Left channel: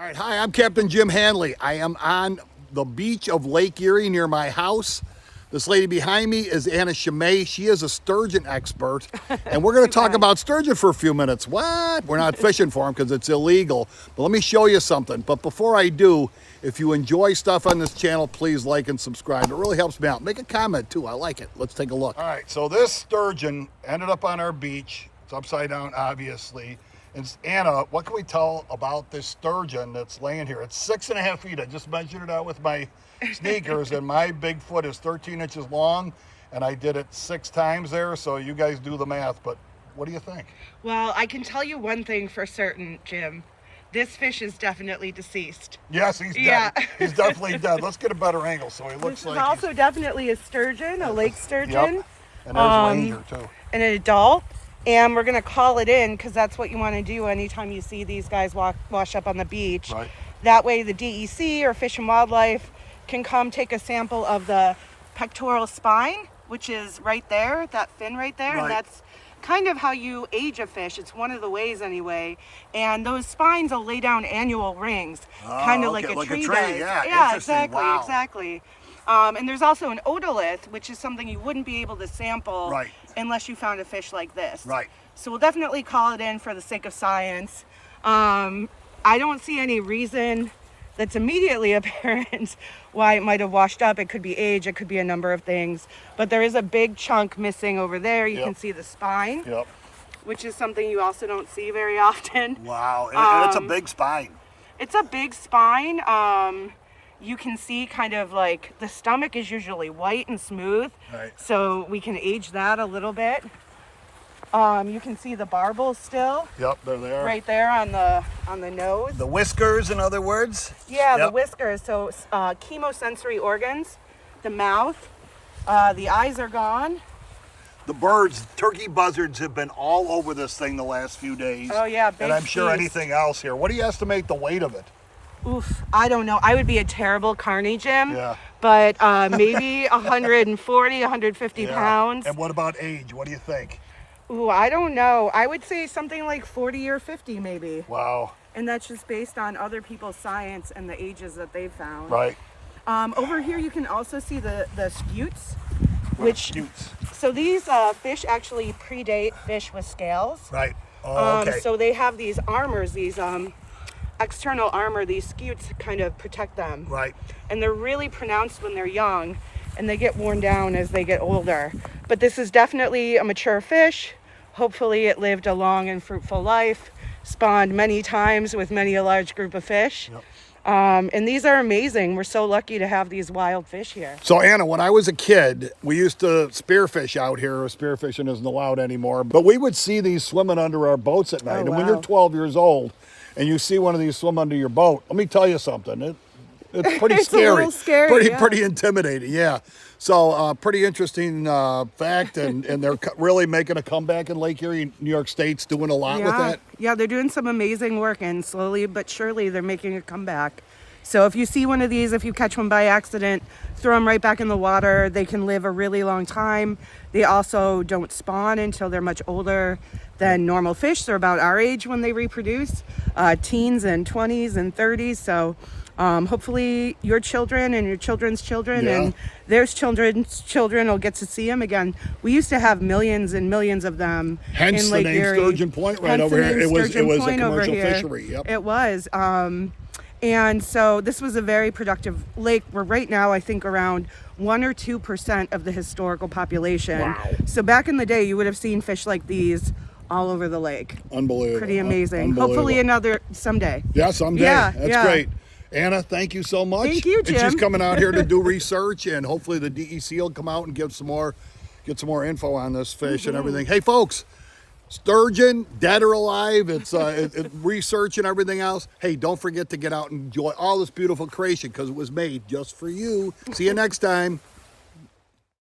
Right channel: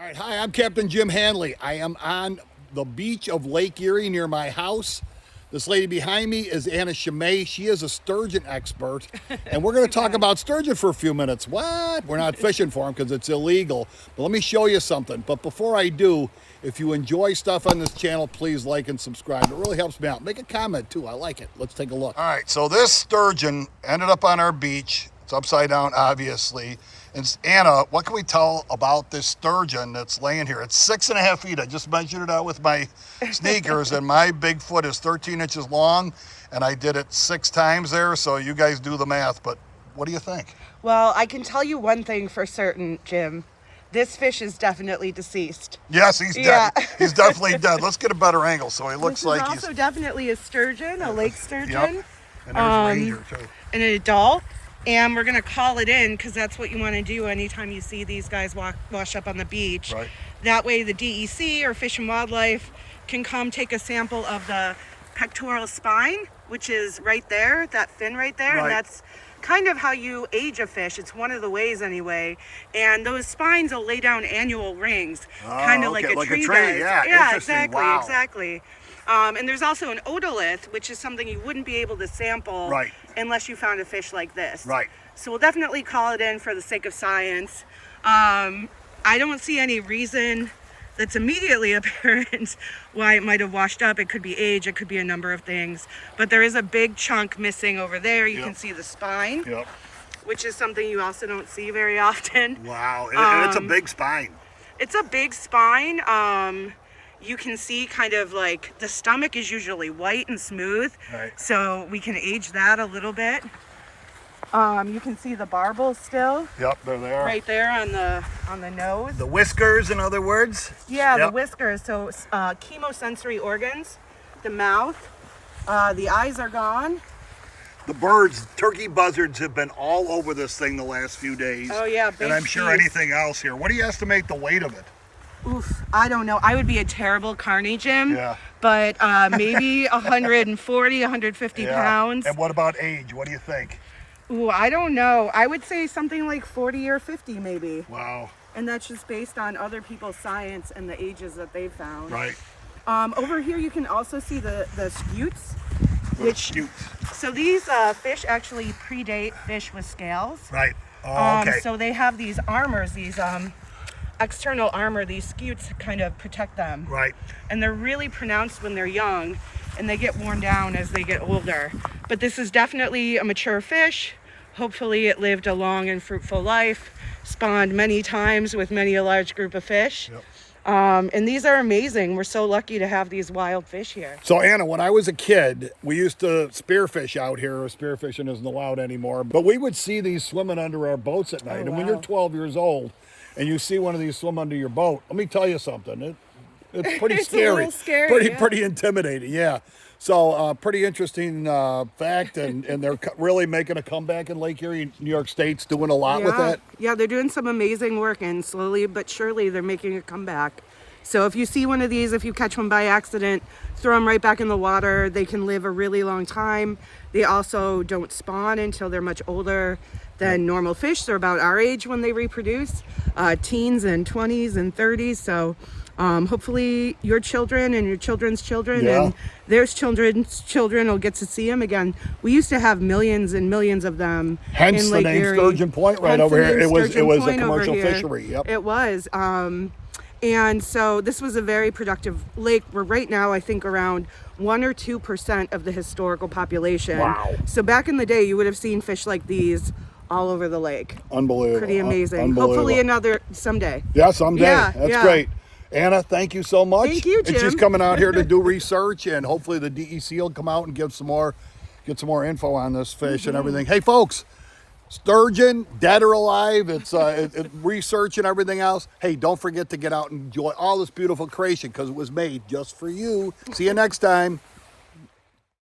All right, hi, I'm Captain Jim Hanley. I am on the beach of Lake Erie near my house. This lady behind me is Anna Scime. She is a sturgeon expert, and we're going to talk about sturgeon for a few minutes. What? We're not fishing for them because it's illegal, but let me show you something. But before I do, if you enjoy stuff on this channel, please like and subscribe. It really helps me out. Make a comment too. I like it. Let's take a look. All right, so this sturgeon ended up on our beach. It's upside down, obviously. And Anna, what can we tell about this sturgeon that's laying here? It's 6.5 feet. I just measured it out with my sneakers, and my big foot is 13 inches long, and I did it 6 times there, so you guys do the math. But what do you think? Well, I can tell you one thing for certain, Jim. This fish is definitely deceased. Yes, he's dead. He's definitely dead. Let's get a better angle so he looks like he's... also definitely a sturgeon, a lake sturgeon. Yep. And there's a ranger, too. An adult. And we're going to call it in because that's what you want to do anytime you see these guys wash up on the beach. Right. That way the DEC or Fish and Wildlife can come take a sample of the pectoral spine, which is right there, that fin right there. Right. And that's kind of how you age a fish. It's one of the ways anyway. And those spines will lay down annual rings, kind of like a tree does. Yeah, exactly, wow. exactly. And there's also an otolith, which is something you wouldn't be able to sample unless you found a fish like this. Right. So we'll definitely call it in for the sake of science. I don't see any reason that's immediately apparent why it might have washed up. It could be age, it could be a number of things. But there is a big chunk missing over there. You can see the spine, which is something you also don't see very often. Wow, and it's a big spine. It's a big spine. You can see kind of like the stomach is usually white and smooth, so we can age that a little bit. You can see the barbels still. Yep, they're there. Right there on the nose. The whiskers, in other words. Yeah, the whiskers. So chemosensory organs, the mouth, the eyes are gone. The birds, turkey buzzards have been all over this thing the last few days. Oh yeah, big and I'm sure piece. anything else here. What do you estimate the weight of it? Oof, I don't know. I would be a terrible carny, Jim. Yeah. But maybe 140, 150 pounds. And what about age? What do you think? Ooh, I don't know. I would say something like 40 or 50 maybe. Wow. And that's just based on other people's science and the ages that they've found. Right. Over here you can also see the scutes. Scutes. So these fish actually predate fish with scales. Right. Oh, okay. So they have these armors, these external armor, these scutes kind of protect them. Right. And they're really pronounced when they're young, and they get worn down as they get older. But this is definitely a mature fish. Hopefully it lived a long and fruitful life, spawned many times with many a large group of fish. Yep. And these are amazing. We're so lucky to have these wild fish here. So Anna, when I was a kid, we used to spearfish out here. Spearfishing isn't allowed anymore, but we would see these swimming under our boats at night. And when you're 12 years old and you see one of these swim under your boat, let me tell you something. It's pretty scary. A little scary, pretty intimidating, yeah. So pretty interesting fact, and they're really making a comeback in Lake Erie. New York State's doing a lot with that. Yeah, they're doing some amazing work, and slowly but surely they're making a comeback. So if you see one of these, if you catch one by accident, throw them right back in the water. They can live a really long time. They also don't spawn until they're much older than normal fish. They're about our age when they reproduce, teens and 20s and 30s. So hopefully your children and your children's children and their children's children will get to see them again. We used to have millions and millions of them in Lake Erie. Sturgeon Point right over here. It was a commercial fishery. Yep. It was. And so this was a very productive lake. We're right now, I think, around 1 or 2% of the historical population. Wow. So back in the day, you would have seen fish like these all over the lake. Unbelievable. Pretty amazing. Unbelievable. Hopefully another someday. Yeah, someday. Yeah, That's great. Anna, thank you so much. Thank you, Jim. And she's coming out here to do research, and hopefully the DEC will come out and get some more info on this fish and everything. Hey, folks, sturgeon, dead or alive, it's research and everything else. Hey, don't forget to get out and enjoy all this beautiful creation because it was made just for you. See you next time.